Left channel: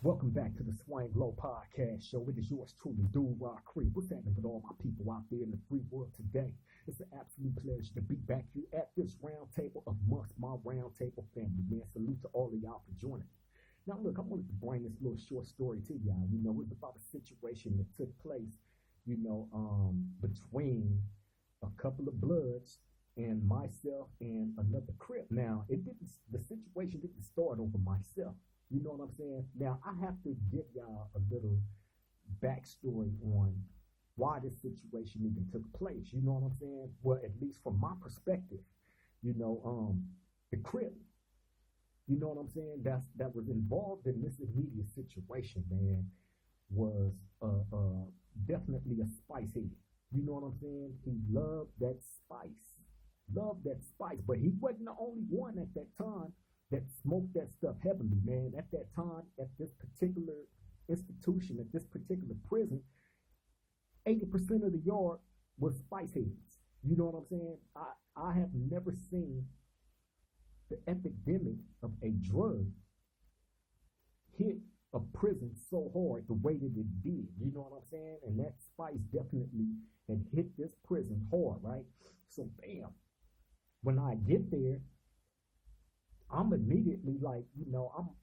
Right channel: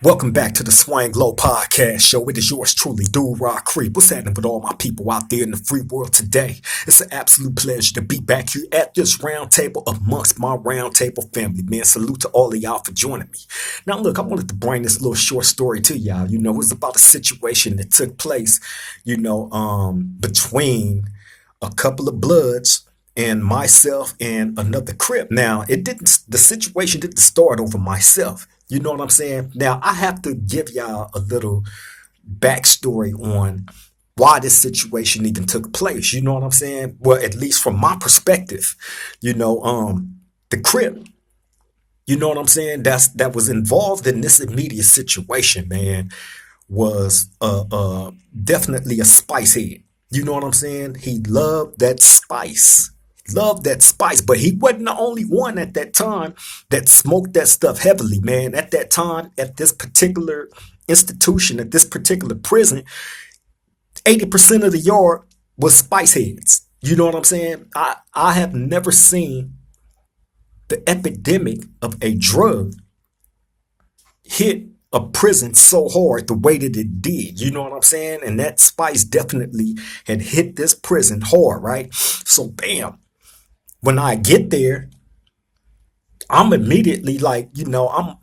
Welcome back to the Swan Glow Podcast Show. It is yours truly, R30'S Crip. What's happening with all my people out there in the free world today? It's an absolute pleasure to be back here at this round table amongst my round table family, man. Salute to all of y'all for joining me. Now, look, I wanted to bring this little short story to y'all. It's about a situation that took place, between a couple of Bloods and myself and another Crip. Now, the situation didn't start over myself. You know what I'm saying? Now, I have to give y'all a little backstory on why this situation even took place. You know what I'm saying? Well, at least from my perspective, the Crip, you know what I'm saying? That was involved in this immediate situation, man, was definitely a spice head. You know what I'm saying? He loved that spice. Loved that spice, but he wasn't the only one at that time that smoked that stuff heavily, man. At that time, at this particular institution, at this particular prison, 80% of the yard was spice heads. You know what I'm saying? I have never seen the epidemic of a drug hit a prison so hard the way that it did. You know what I'm saying? And that spice definitely had hit this prison hard, right? So bam. When I get there, I'm immediately like, I'm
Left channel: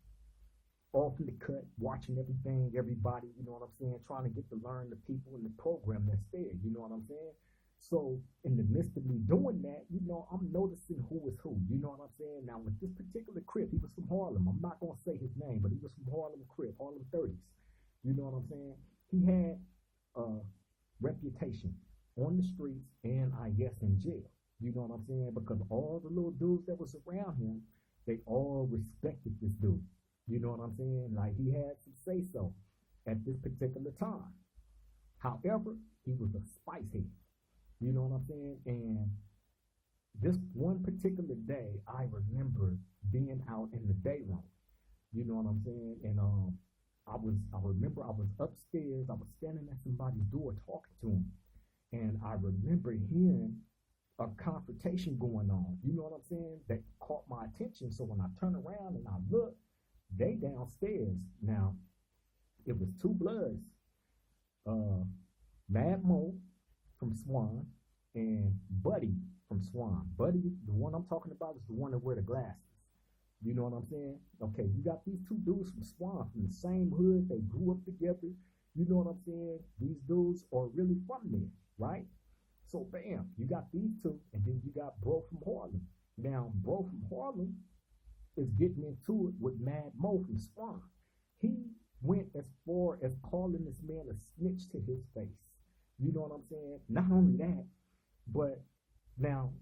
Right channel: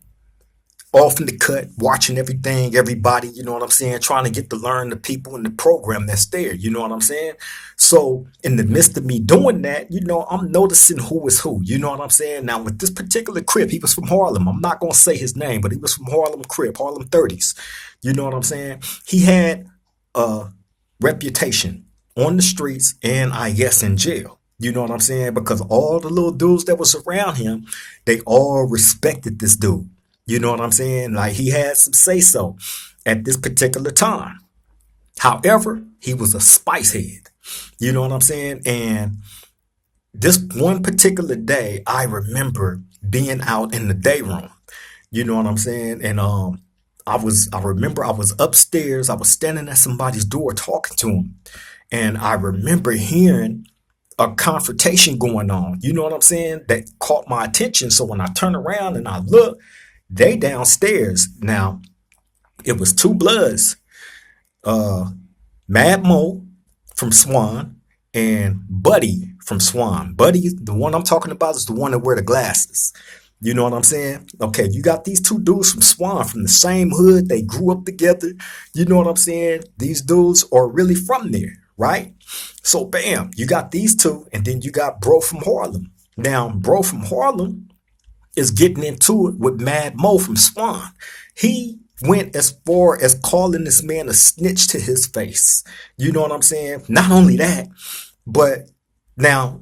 off in the cut, watching everything, everybody, you know what I'm saying, trying to get to learn the people in the program that's there, you know what I'm saying? So in the midst of me doing that, I'm noticing who is who, you know what I'm saying? Now with this particular Crip, he was from Harlem. I'm not going to say his name, but he was from Harlem Crip, Harlem 30's. You know what I'm saying? He had a reputation on the streets and I guess in jail. You know what I'm saying? Because all the little dudes that was around him, they all respected this dude. You know what I'm saying? Like he had some say so at this particular time. However, he was a spice head. You know what I'm saying? And this one particular day, I remember being out in the day room. You know what I'm saying? And I remember I was upstairs, I was standing at somebody's door talking to him. And I remember hearing a confrontation going on. You know what I'm saying? That caught my attention. So when I turn around and I look, they downstairs. Now, it was two Bloods, uh, Mad Mo from Swan and Buddy from Swan. Buddy, the one I'm talking about, is the one that wear the glasses. You know what I'm saying? Okay, you got these two dudes from Swan from the same hood. They grew up together. You know what I'm saying? These dudes are really from there, right? So bam, you got these two, and then you got Bro from Harlem. Now, Bro from Harlem is getting into it with Mad Mo from Swan. He went as far as calling this man a snitch to his face. You know what I'm saying? Not only that, but now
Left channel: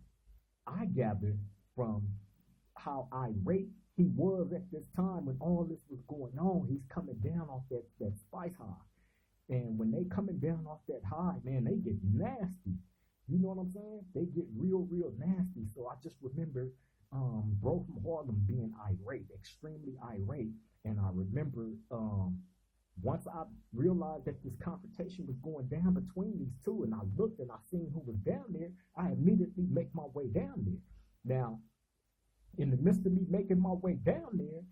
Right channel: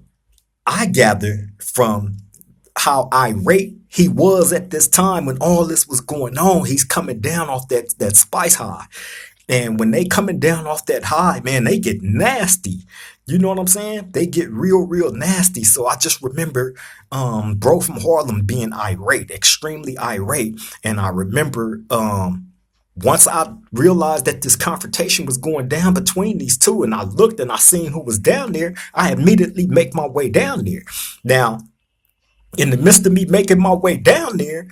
I gather from how irate he was at this time when all this was going on, he's coming down off that spice high. And when they coming down off that high, man, they get nasty. You know what I'm saying? They get real, real nasty. So I just remember Bro from Harlem being irate, extremely irate. And I remember once I realized that this confrontation was going down between these two, and I looked and I seen who was down there, I immediately make my way down there. Now, in the midst of me making my way down there,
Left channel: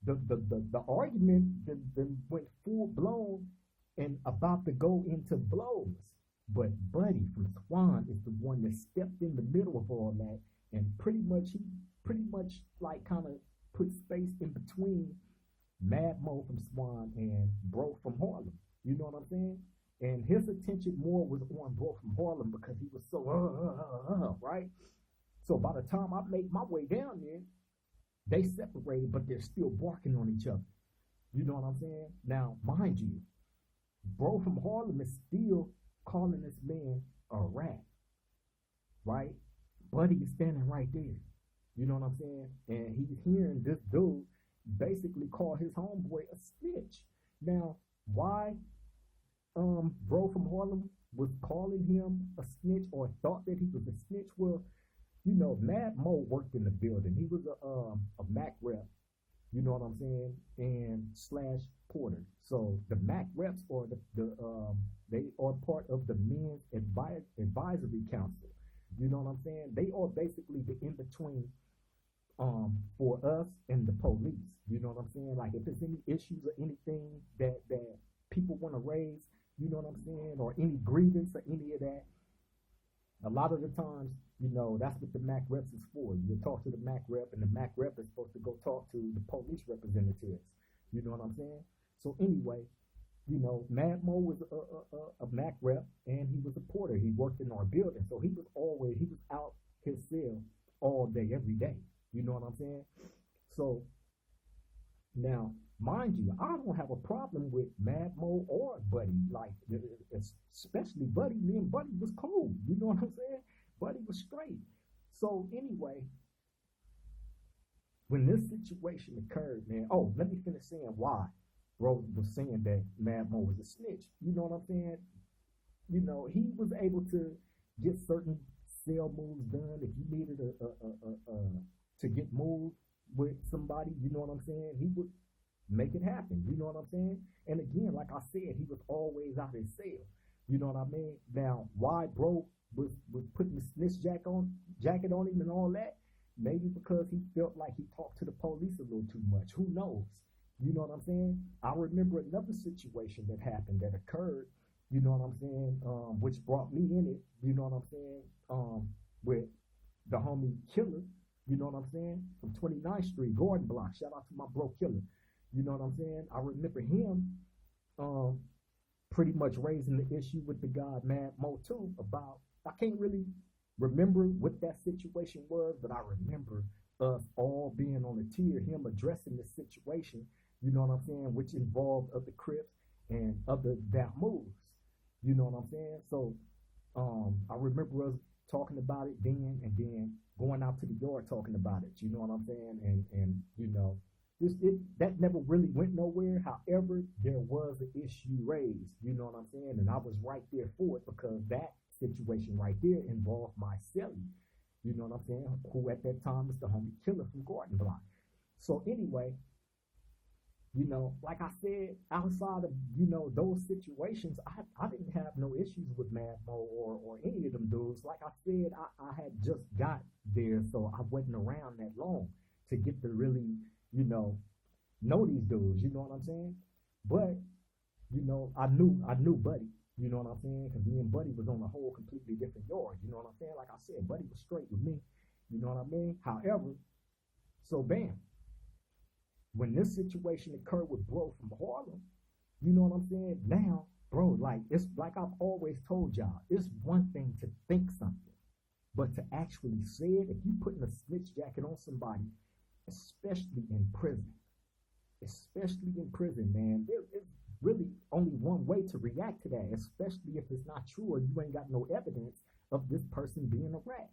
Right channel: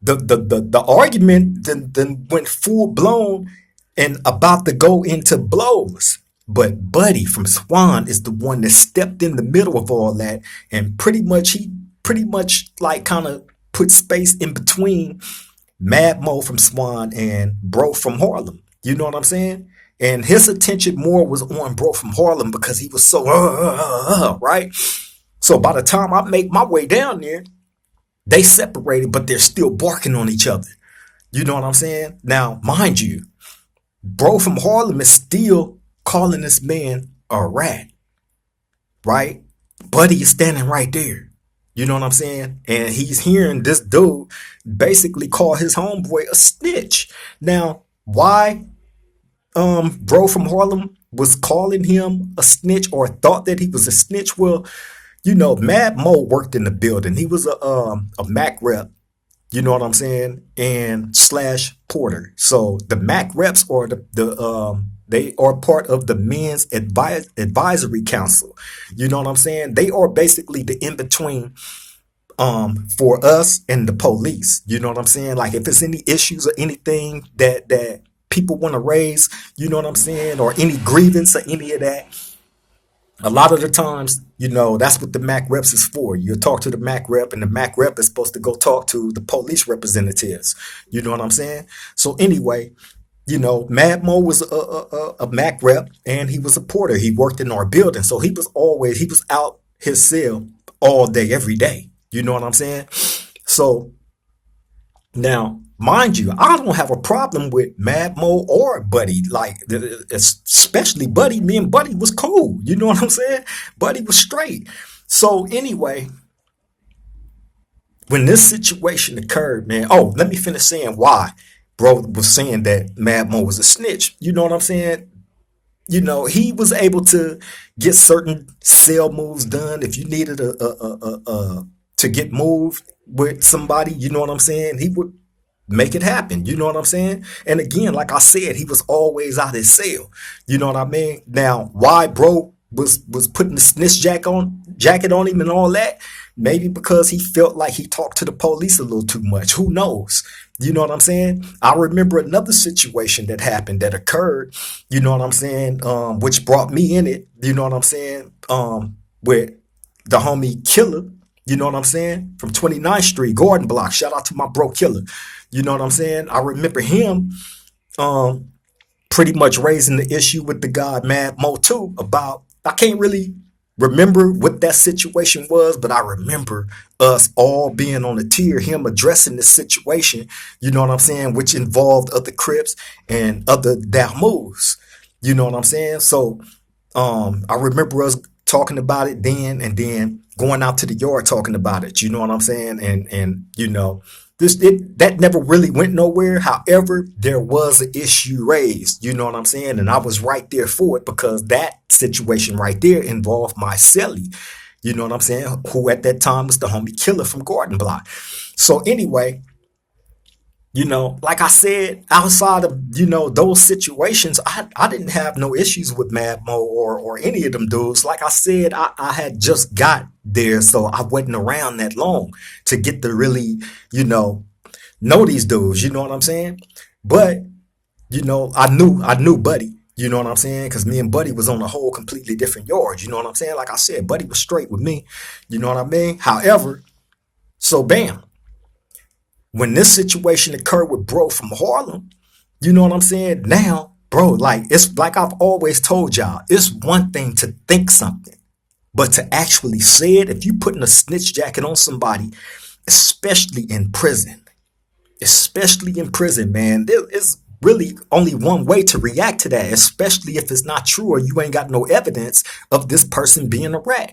the argument then went full blown and about to go into blows. But Buddy from Swan is the one that stepped in the middle of all that, and he pretty much like kind of put space in between Mad Mo from Swan and Bro from Harlem. You know what I'm saying? And his attention more was on Bro from Harlem because he was so right. So by the time I make my way down there, they separated, but they're still barking on each other. You know what I'm saying? Now, mind you, Bro from Harlem is still calling this man a rat, right? Buddy is standing right there. You know what I'm saying? And he's hearing this dude basically call his homeboy a snitch. Now, why Bro from Harlem was calling him a snitch or thought that he was a snitch? Well, Mad Mo worked in the building. He was a Mac rep. You know what I'm saying? And slash Porter. So the Mac reps are they are part of the men's advisory council. You know what I'm saying? They are basically the in between for us and the police. You know what I'm saying? Like if it's any issues or anything that people want to raise, you know what I'm saying, or any grievance or any of that, a lot of the times, that's what the MAC reps is for. You talk to the MAC rep, and the MAC rep is supposed to go talk to the police representatives. You know what I'm saying? So anyway, Mad Mo was a MAC rep, and he was a porter. He worked in our building, so he was out his cell all day, every day. You know what I'm saying? So now, mind you, I don't have a problem with Mad Mo or Buddy. Like, especially Buddy. Me and Buddy was cool. You know what I'm saying? Buddy was straight. So anyway, when this situation occurred, man. Oh, let me finish saying why. Bro was saying that Mad Mo was a snitch. You know what I'm saying? He was able to get certain sale moves done. If you needed to get moved with somebody, you know what I'm saying? He would make it happen. You know what I'm saying? And again, like I said, he was always out his cell. You know what I mean? Now, why bro was putting the snitch jacket on him and all that? Maybe because he felt like he talked to the police a little too much. Who knows? You know what I'm saying? I remember another situation that happened that occurred, you know what I'm saying, which brought me in it, you know what I'm saying, with the homie Killer, you know what I'm saying, from 29th Street, Gordon Block. Shout out to my bro Killer. You know what I'm saying? I remember him um, pretty much raising the issue with the guy Mad Mo too about, I can't really remember what that situation was, but I remember us all being on the tier, him addressing the situation, you know what I'm saying, which involved other Crips and other Damoos. You know what I'm saying? So I remember us talking about it then, and then going out to the yard talking about it. You know what I'm saying? And that never really went nowhere. However, there was an issue raised. You know what I'm saying? And I was right there for it because that situation right there involved my celly. You know what I'm saying? Who at that time was the homie Killer from Gordon Block. So anyway, like I said, outside of, those situations, I didn't have no issues with Mad Mo or any of them dudes. Like I said, I had just got there, so I wasn't around that long to get to really, know these dudes, you know what I'm saying? But, I knew Buddy, you know what I'm saying? Because me and Buddy was on a whole completely different yard, you know what I'm saying? Like I said, Buddy was straight with me, you know what I mean? However, so bam, when this situation occurred with bro from Harlem, you know what I'm saying? Now, bro, like it's like I've always told y'all, it's one thing to think something, but to actually say it, if you putting a snitch jacket on somebody, especially in prison, man, there is really only one way to react to that, especially if it's not true or you ain't got no evidence of this person being a rat.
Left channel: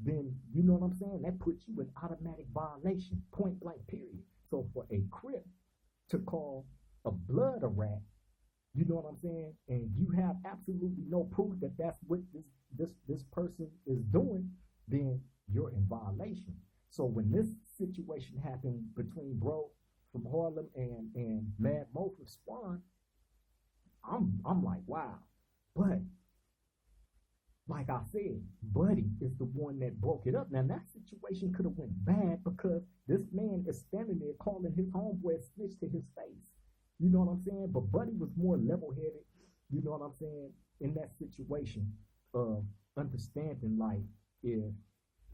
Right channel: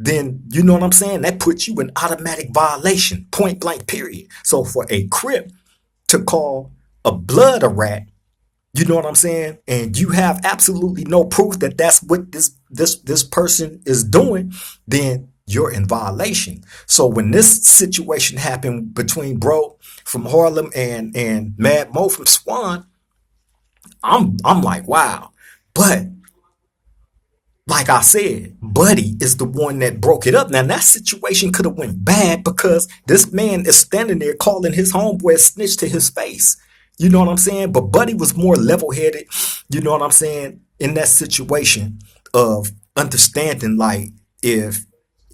Then you know what I'm saying? That puts you in automatic violation, point blank, period. So for a Crip to call a blood a rat, you know what I'm saying? And you have absolutely no proof that that's what this person is doing, then you're in violation. So when this situation happened between bro from Harlem and Mad Mo from Swan, I'm like, wow. But like I said, Buddy is the one that broke it up. Now that situation could have went bad because this man is standing there calling his homeboy a snitch to his face. You know what I'm saying? But Buddy was more level-headed, you know what I'm saying, in that situation of understanding, like, if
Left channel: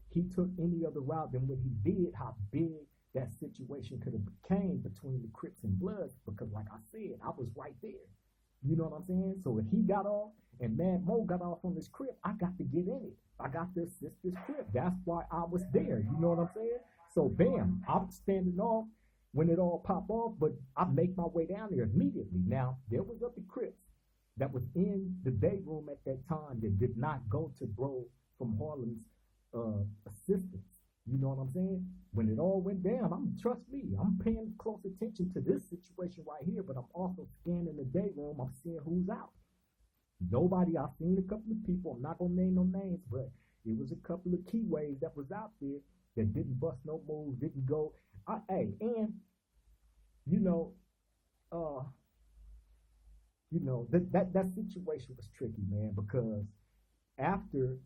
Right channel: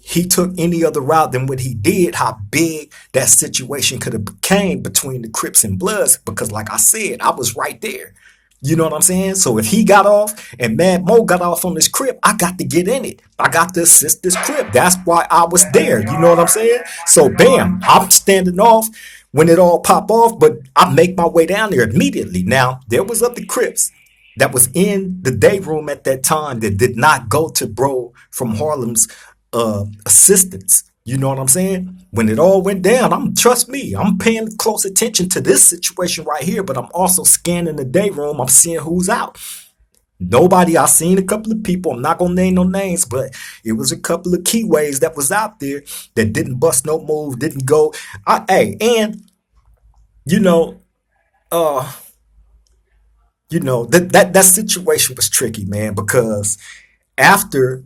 he took any other route than what he did, how big that situation could have became between the Crips and Bloods. Because like I said, I was right there. You know what I'm saying? So if he got off and Mad Mo got off on this Crip, I got to get in it. I got to assist this Crip. That's why I was there. You know what I'm saying? So bam, I'm standing off when it all pop off, but I make my way down there immediately. Now, there was other Crips that was in the day room at that time that did not go to bro from Harlem's assistance. You know what I'm saying? When it all went down, trust me, I'm paying close attention to this situation right here, but I'm also scanning the day room. I'm seeing who's out. Nobody, I seen a couple of people, I'm not gonna name no names, but it was a couple of keyways that was out there that didn't bust no move, didn't go. And you know, uh, that situation was tricky, man, because after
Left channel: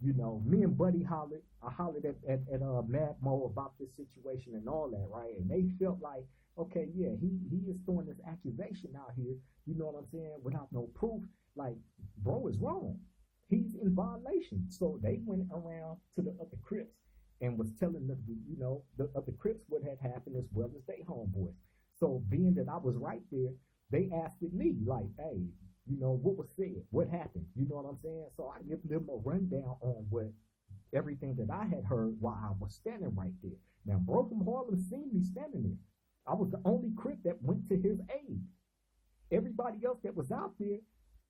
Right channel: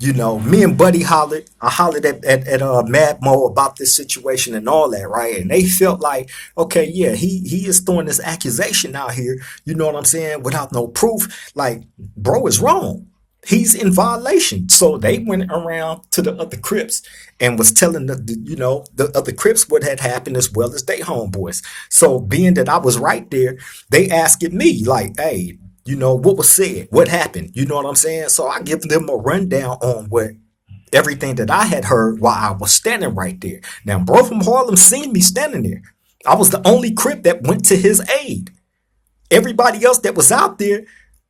Me and Buddy hollered. I hollered at Mad Mo about this situation and all that, right? And they felt like, okay, yeah, he is throwing this accusation out here, you know what I'm saying, without no proof. Like, bro is wrong. He's in violation. So they went around to the other Crips and was telling the other Crips what had happened as well as they homeboys. So being that I was right there, they asked me like, hey, what was said, what happened, you know what I'm saying? So I give them a rundown on what everything that I had heard while I was standing right there. Now, bro from Harlem seen me standing there. I was the only Crip that went to his aid. Everybody else that was out there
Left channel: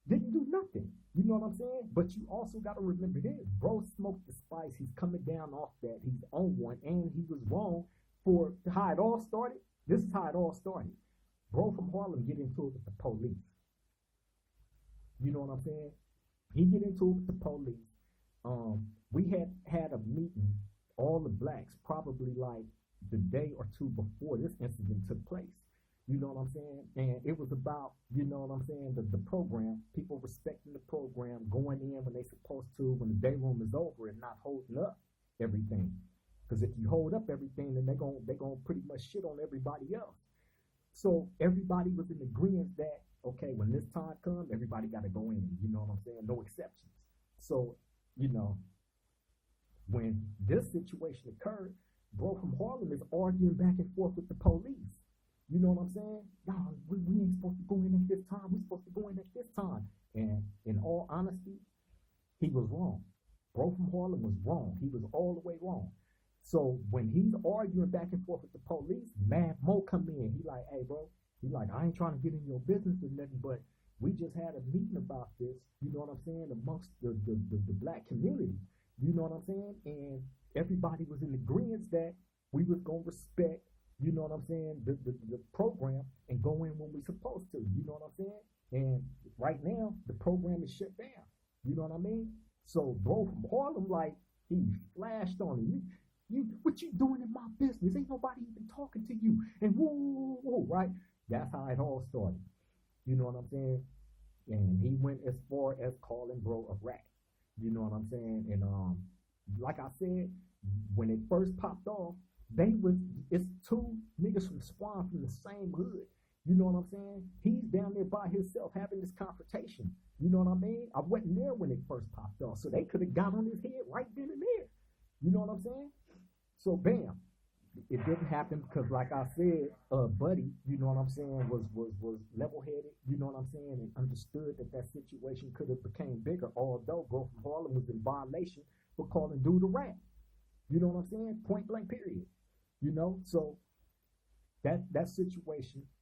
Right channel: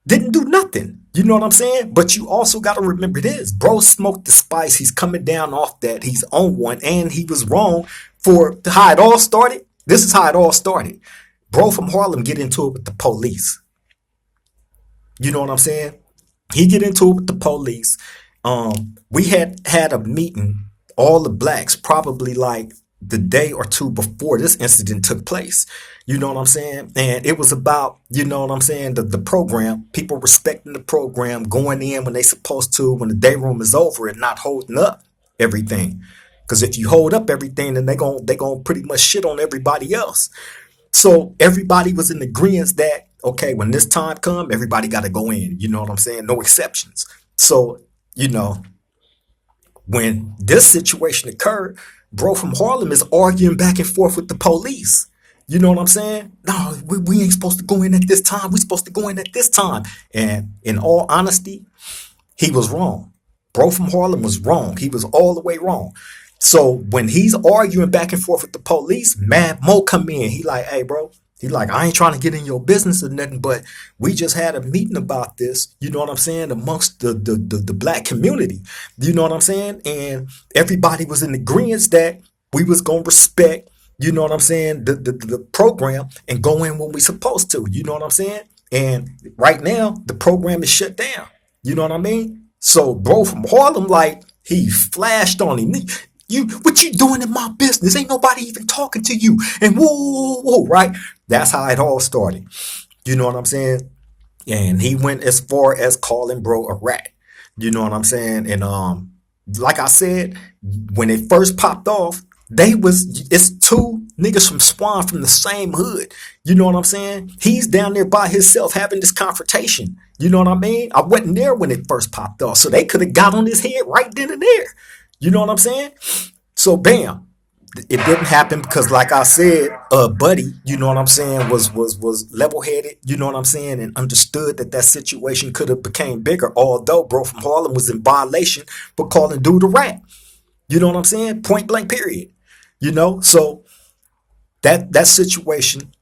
didn't do nothing. You know what I'm saying? But you also got to remember this. Bro smoked the spice. He's coming down off that. He's on one. And he was wrong for how it all started. This is how it all started. Bro from Harlem get into it with the police. You know what I'm saying? He get into it with the police. We had a meeting, all the blacks, probably like the day or two before this incident took place. You know what I'm saying? And it was about, you know what I'm saying, the program, people respecting the program, going in when they supposed to, when the day room is over and not holding up everything. Because if you hold up everything, then they gonna pretty much shit on everybody else. So everybody was in agreement that, okay, when this time come, everybody got to go in. You know what I'm saying? No exceptions. So, you know, when this situation occurred, bro from Harlem is arguing back and forth with the police. You know what I'm saying? No, we ain't supposed to go in at this time. We supposed to go in at this time. And in all honesty, he was wrong. Bro from Harlem was wrong. He was all the way wrong. So when he's arguing back and forth with the police, Mad Mo come in. He like, hey, bro. He like, I ain't trying to get in your business or nothing, but we just had a meeting about this. You know what I'm saying? Amongst the black community. You know what I'm saying? And everybody was in agreement that we was gonna respect, you know what I'm saying, the program and go in when we supposed to. You know what I'm saying? And right now, the program is shut down. You know what I mean? So bro from Harlem, like, he flashed on him. What you doing in my business? Ain't nobody even talking to you. And whoa, right? That's how it all started. You know what I'm saying? And he went as far as calling bro a rat. You know what I'm saying? And like I said, when it first popped off, it's two niggas from Swan from the same hood. You know what I'm saying? He's down there by himself having this confrontation. You know what I mean? I wasn't there when it first popped off, so they could have got on his head right then and there. You know what I'm saying? So bam, it didn't happen because, like I said, Buddy, you know what I'm saying, was level headed. You know what I'm saying, and understood that situation could have became bigger. Although bro from Harlem was in violation for calling dude a rat. You know what I'm saying? Point blank. Period. You know, so that situation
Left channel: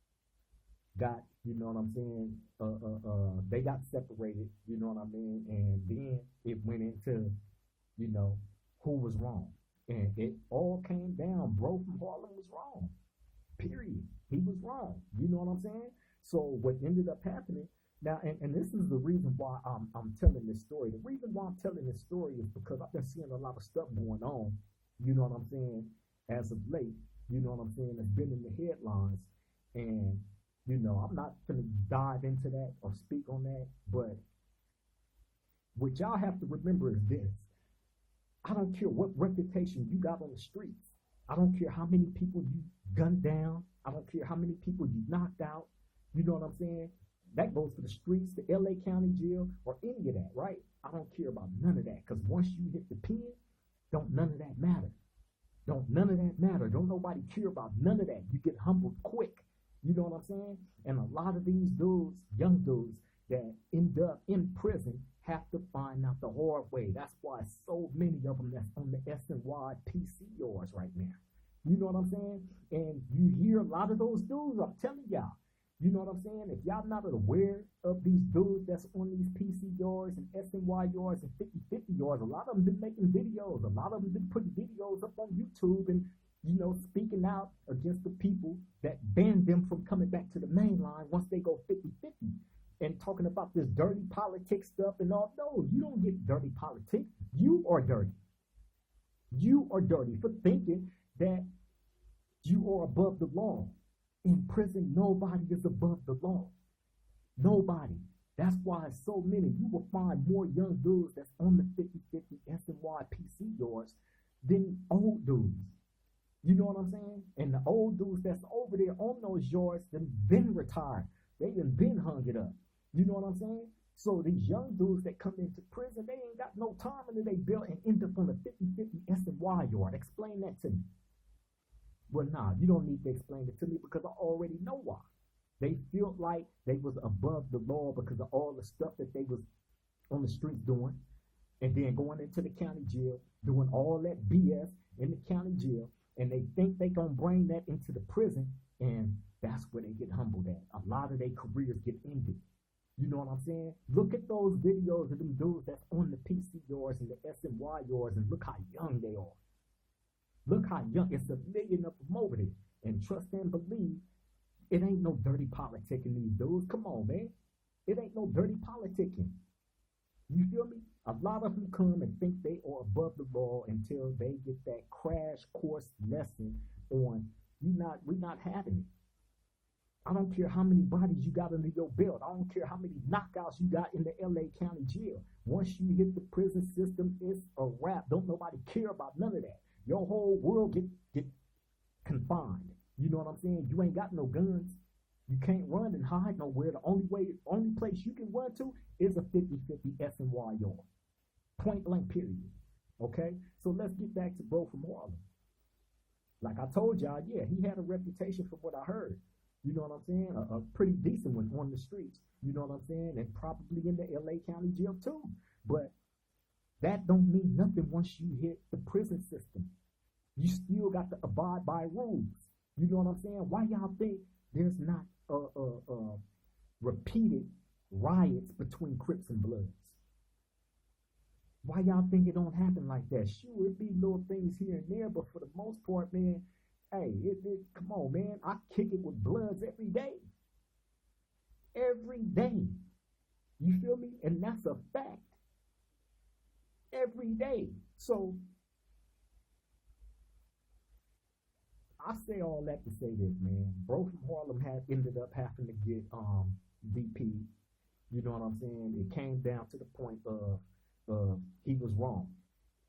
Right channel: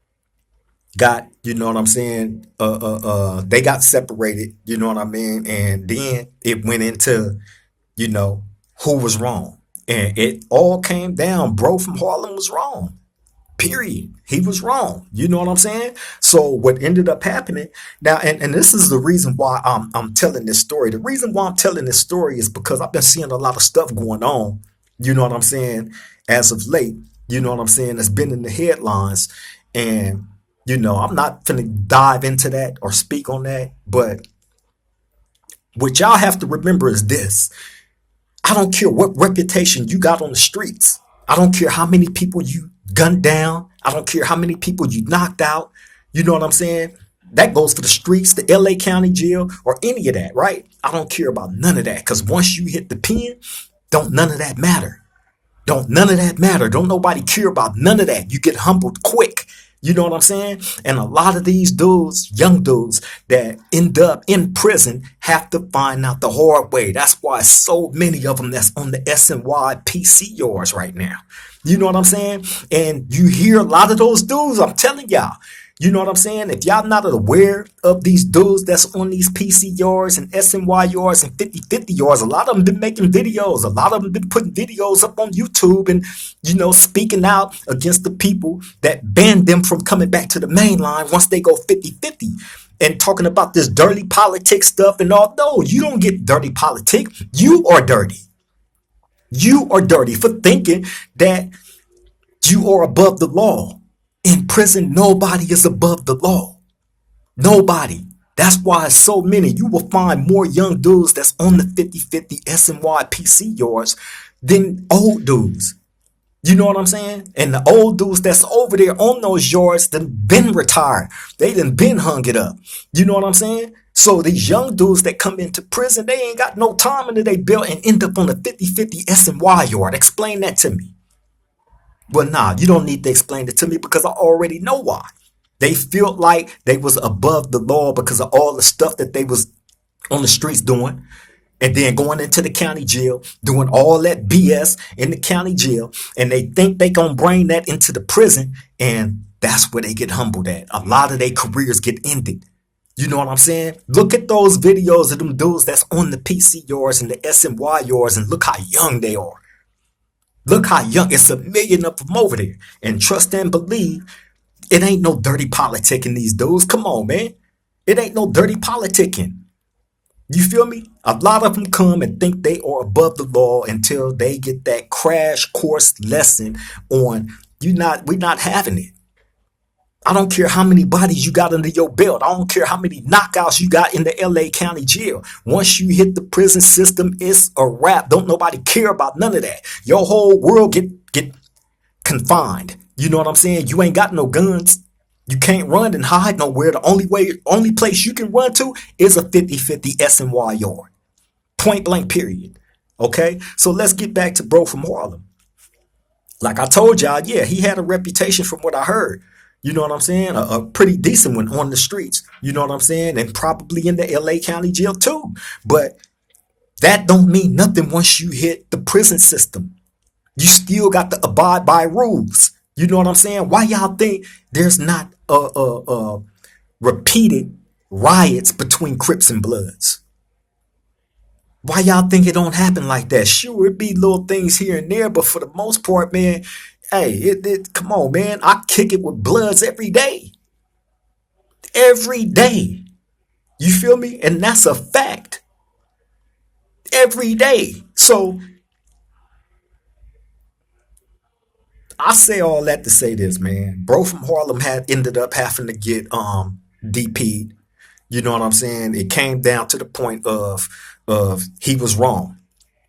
got, you know what I'm saying, they got separated. You know what I mean, and then it went into, you know, who was wrong. And it all came down, bro from Harlem was wrong. Period. He was wrong. You know what I'm saying? So what ended up happening now, and this is the reason why I'm telling this story. The reason why I'm telling this story is because I've been seeing a lot of stuff going on, you know what I'm saying, as of late, you know what I'm saying, that's been in the headlines. And, you know, I'm not finna dive into that or speak on that, but what y'all have to remember is this. I don't care what reputation you got on the streets. I don't care how many people you gunned down. I don't care how many people you knocked out. You know what I'm saying? That goes for the streets, the LA County Jail, or any of that, right? I don't care about none of that, because once you hit the pen, don't none of that matter. Don't none of that matter. Don't nobody care about none of that. You get humbled quick. You know what I'm saying? And a lot of these dudes, young dudes that end up in prison have to find out the hard way. That's why so many of them that's on the SNY PCRs right now. You know what I'm saying? And you hear a lot of those dudes, I'm telling y'all, you know what I'm saying? If y'all not aware of these dudes that's on these PCRs and SNYRs and 50/50 yards, a lot of them been making videos. A lot of them been putting videos up on YouTube and, you know, speaking out against the people that banned them from coming back to the main line once they go 50/50 and talking about this dirty politics stuff and all. No, you don't get dirty politics. You are dirty. You are dirty for thinking that you are above the law. In prison, nobody is above the law. Nobody. That's why it's so many. You will find more young dudes that's on the 50/50 SNY PC yards than old dudes. You know what I'm saying? And the old dudes that's over there on those yards done been retired. They done been hung it up. You know what I'm saying? So these young dudes that come into prison, they ain't got no time into their belt and end up on the 50/50 SNY yard. Explain that to me. Well, nah, you don't need to explain it to me because I already know why. They felt like they was above the law because of all the stuff that they was on the streets doing. And then going into the county jail, doing all that BS in the county jail. And they think they gonna bring that into the prison. And that's where they get humbled at. A lot of their careers get ended. You know what I'm saying? Look at those videos of them dudes that's on the PC yards and the SNY yards and look how young they are. Look how young. It's a million of them over there. And trust and believe, it ain't no dirty politicking these dudes. Come on, man. It ain't no dirty politicking. You feel me? A lot of them come and think they are above the law until they get that crash course lesson on we're not having it. I don't care how many bodies you got under your belt. I don't care how many knockouts you got in the LA County Jail. Once you hit the prison system, it's a wrap. Don't nobody care about none of that. Your whole world get confined. You know what I'm saying? You ain't got no guns. You can't run and hide nowhere. The only place you can run to is a 50/50 SNY yard. Point blank, period. Okay? So let's get back to bro from Harlem. Like I told y'all, yeah, he had a reputation from what I heard. You know what I'm saying? A pretty decent one on the streets. You know what I'm saying? And probably in the LA County Jail too. But that don't mean nothing once you hit the prison system. You still got to abide by rules. You know what I'm saying? Why y'all think there's not repeated riots between Crips and Bloods? Why y'all think it don't happen like that? Sure, it be little things here and there, but for the most part, man, hey, come on, man. I kick it with Bloods every day. Every day. You feel me? And that's a fact. Every day. So I say all that to say this, man. Bro from Harlem had ended up having to get DP'd. You know what I'm saying? It came down to the point of he was wrong.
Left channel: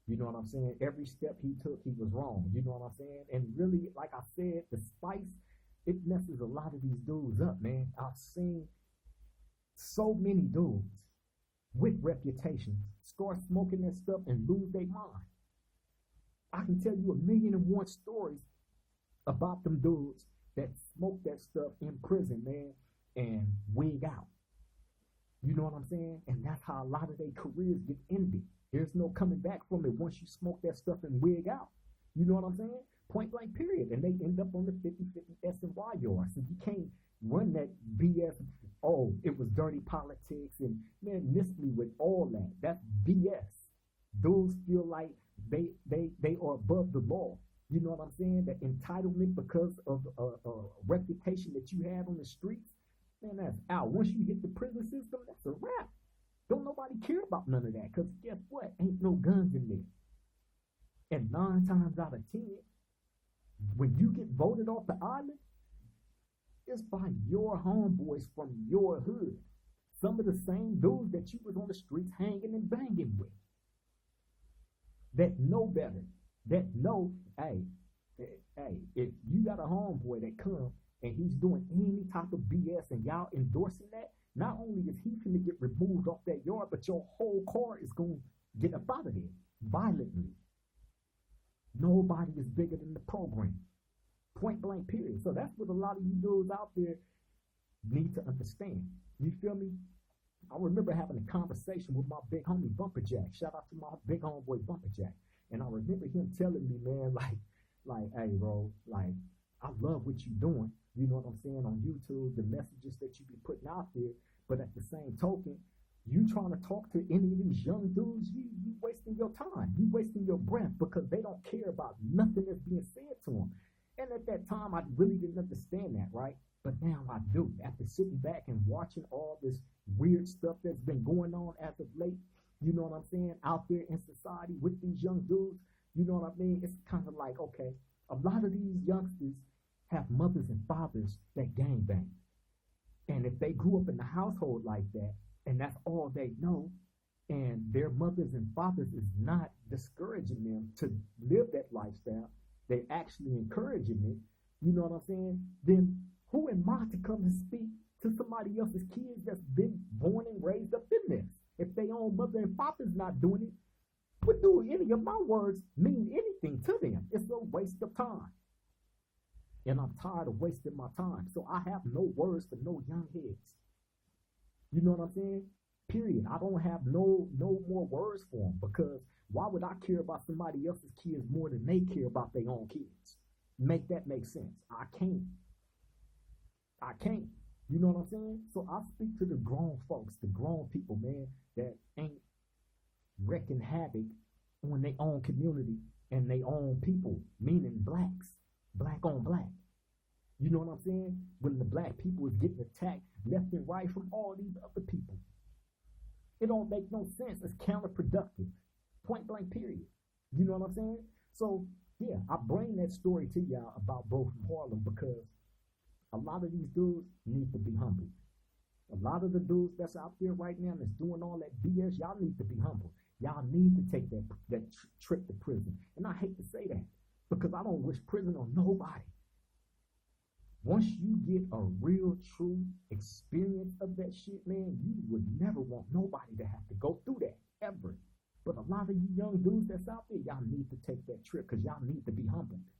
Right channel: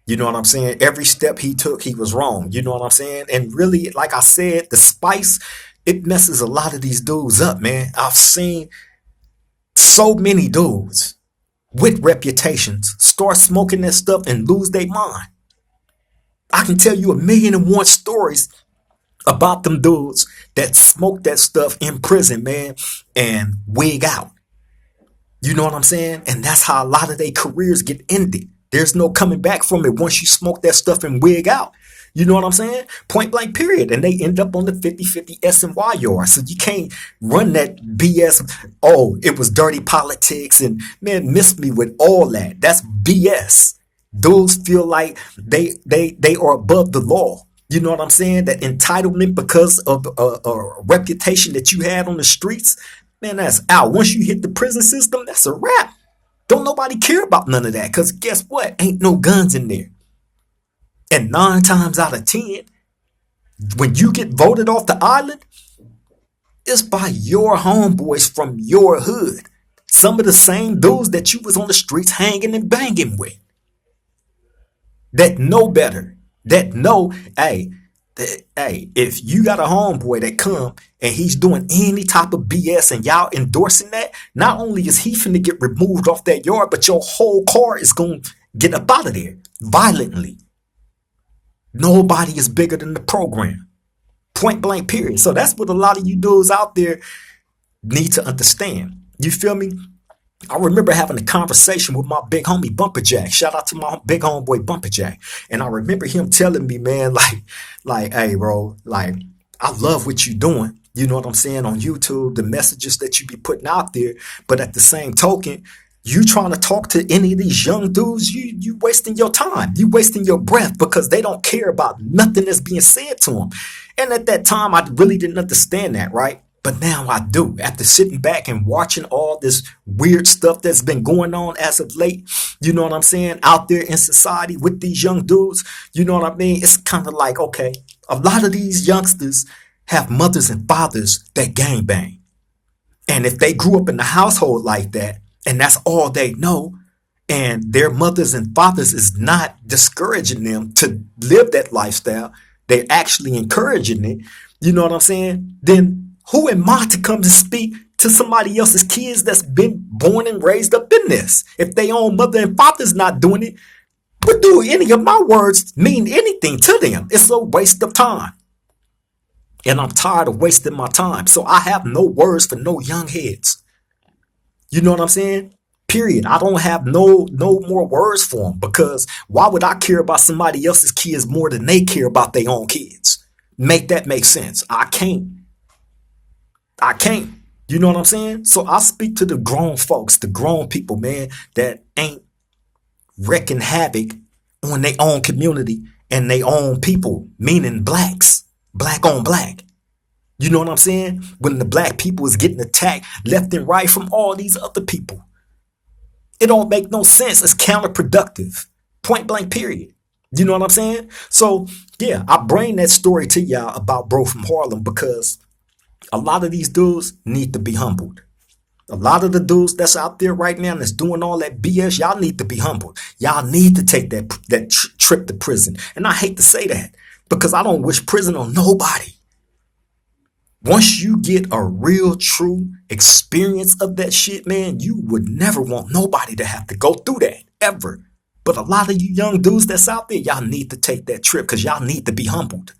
You know what I'm saying? Every step he took, he was wrong. You know what I'm saying? And really, like I said, the spice, it messes a lot of these dudes up, man. I've seen so many dudes with reputations start smoking that stuff and lose their mind. I can tell you 1,000,001 stories about them dudes that smoke that stuff in prison, man, and wig out. You know what I'm saying? And that's how a lot of their careers get ended. There's no coming back from it once you smoke that stuff and wig out. You know what I'm saying? Point blank, period. And they end up on the 50/50 SNY yard. So you can't run that BS. Oh, it was dirty politics and man, miss me with all that. That's BS. Dudes feel like they are above the law. You know what I'm saying? That entitlement because of a reputation that you had on the streets, man, that's out. Once you hit the prison system, that's a wrap. Don't nobody care about none of that because guess what? Ain't no guns in there. And 9 times out of 10, when you get voted off the island, it's by your homeboys from your hood. Some of the same dudes that you was on the streets hanging and banging with. That know better. That know, hey, if you got a homeboy that come and he's doing any type of BS and y'all endorsing that, not only is he finna get removed off that yard, but your whole car is gonna get up out of there violently. Nobody is bigger than the program. Point blank, period. So that's what a lot of you dudes out there need to understand. You feel me? I remember having a conversation with my big homie Bumper Jack. Shout out to my big homeboy Bumper Jack. And I remember him telling me, man, like, hey, bro, like, I love what you're doing. You know what I'm saying? On YouTube, the messages that you be putting out there. But at the same token, you trying to talk to any of these young dudes, you wasting your time. You wasting your breath because they don't care about nothing that's being said to them. And at that time, I really didn't understand that, right? But now I do. After sitting back and watching all this weird stuff that's been going on as of late, you know what I'm saying, out there in society with these young dudes, you know what I mean? It's kind of like, okay, a lot of these youngsters have mothers and fathers that gangbang. And if they grew up in a household like that, and that's all they know, and their mothers and fathers is not discouraging them to live that lifestyle, they're actually encouraging it, you know what I'm saying? Then who am I to come to speak to somebody else's kids that's been born and raised up in this? If their own mother and father's not doing it, but do any of my words mean anything to them? It's a waste of time. And I'm tired of wasting my time. So I have no words for no young heads. You know what I'm saying? Period. I don't have no more words for them, because why would I care about somebody else's kids more than they care about their own kids? Make that make sense. I can't. I can't. You know what I'm saying? So I speak to the grown folks, the grown people, man, that ain't wreaking havoc on their own community and their own people, meaning blacks, black on black. You know what I'm saying? When the black people is getting attacked left and right from all these other people. It don't make no sense. It's counterproductive. Point blank, period. You know what I'm saying? So, yeah, I bring that story to y'all about Bro from Harlem because a lot of these dudes need to be humbled. A lot of the dudes that's out there right now that's doing all that BS, y'all need to be humbled. Y'all need to take that trip to prison. And I hate to say that because I don't wish prison on nobody. Once you get a real, true experience of that shit, man, you would never want nobody to have to go through that, ever. But a lot of you young dudes that's out there, y'all need to take that trip because y'all need to be humbled.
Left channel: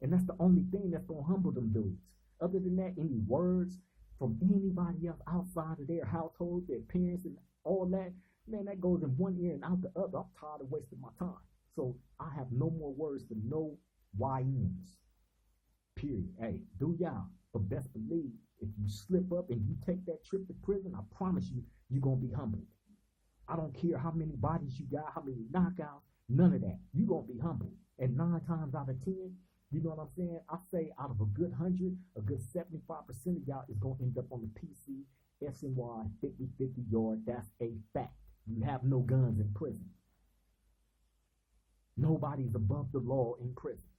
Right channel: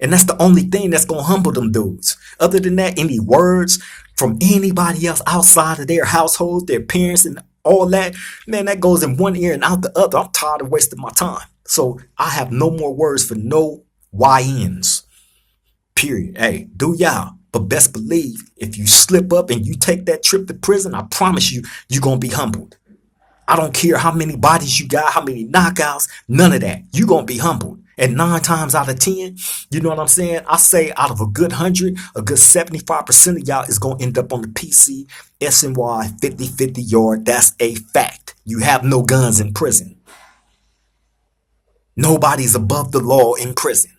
And that's the only thing that's going to humble them dudes. Other than that, any words from anybody else outside of their household, their parents and all that, man, that goes in one ear and out the other. I'm tired of wasting my time. So I have no more words for no YNs. Period. Hey, do y'all. But best believe if you slip up and you take that trip to prison, I promise you, you're going to be humbled. I don't care how many bodies you got, how many knockouts, none of that. You're going to be humbled. And 9 times out of 10, you know what I'm saying? I say out of a good 100, a good 75% of y'all is going to end up on the PC, SNY, 50-50 yard. That's a fact. You have no guns in prison. Nobody's above the law in prison.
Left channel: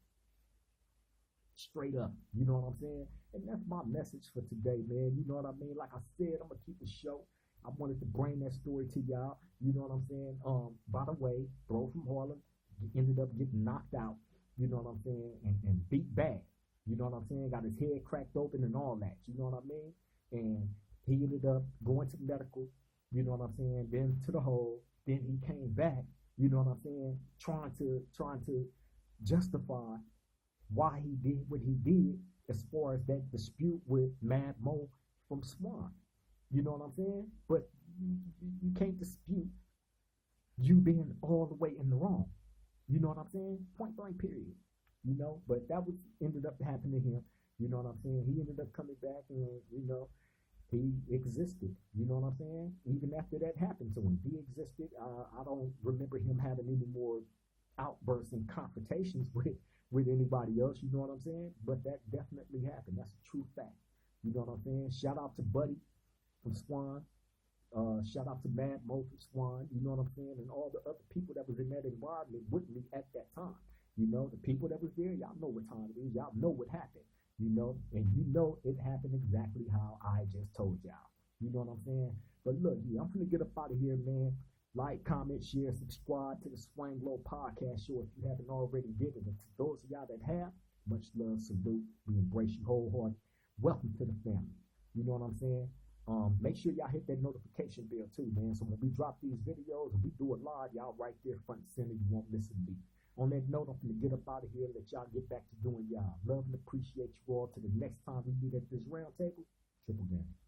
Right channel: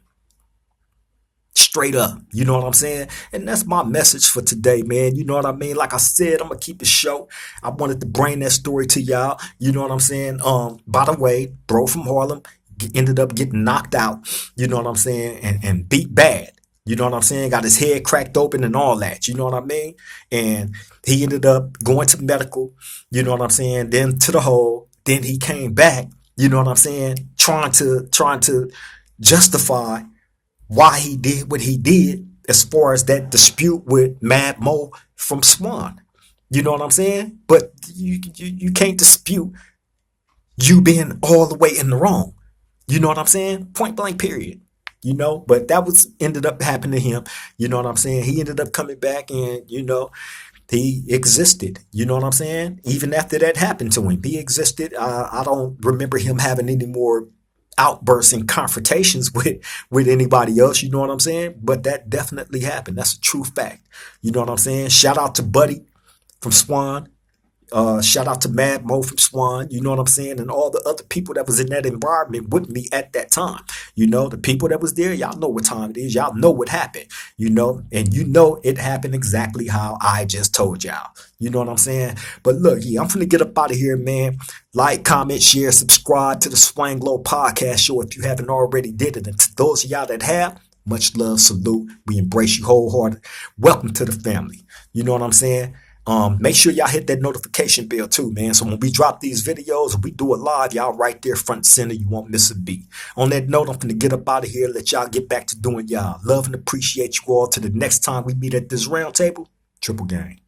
Straight up, you know what I'm saying? And that's my message for today, man. You know what I mean? Like I said, I'm gonna keep it short. I wanted to bring that story to y'all. You know what I'm saying? By the way, Bro from Harlem ended up getting knocked out, you know what I'm saying, and beat bad. You know what I'm saying? Got his head cracked open and all that. You know what I mean? And he ended up going to medical, you know what I'm saying, then to the hole. Then he came back, you know what I'm saying, trying to justify why he did what he did as far as that dispute with Mad Mo from Swan. You know what I'm saying? But you can't dispute you being all the way in the wrong. You know what I'm saying? Point blank, period. You know, but that was ended up happening to him. You know what I'm saying? He ended up coming back and, you know, he existed. You know what I'm saying? Even after that happened to him, he existed. I don't remember him having any more outbursts and confrontations with anybody else, you know what I'm saying? But that definitely happened. That's a true fact. You know what I'm saying? Shout out to Buddy from Swan. Shout out to Mad Mo from Swan, you know what I'm saying? And all the other people that was in that environment with me at that time. You know, the people that was there, y'all know what time it is. Y'all know what happened, you know, and you know it happened exactly how I just told y'all. You know what I'm saying? But look, yeah, I'm finna get up out of here, man. Like, comment, share, subscribe to the Swang Low Podcast Show if you haven't already did it. And to those of y'all that have, much love, salute. We embrace you wholehearted. Welcome to the family. You know what I'm saying? Make sure y'all hit that notification bell too, man. So when we drop these videos and we do it live, y'all right there front and center. You won't miss a beat. On that note, I'm going to get up out of here. Let y'all get back to doing y'all. Love and appreciate you all. To the next time we meet at this round table, Triple Gang.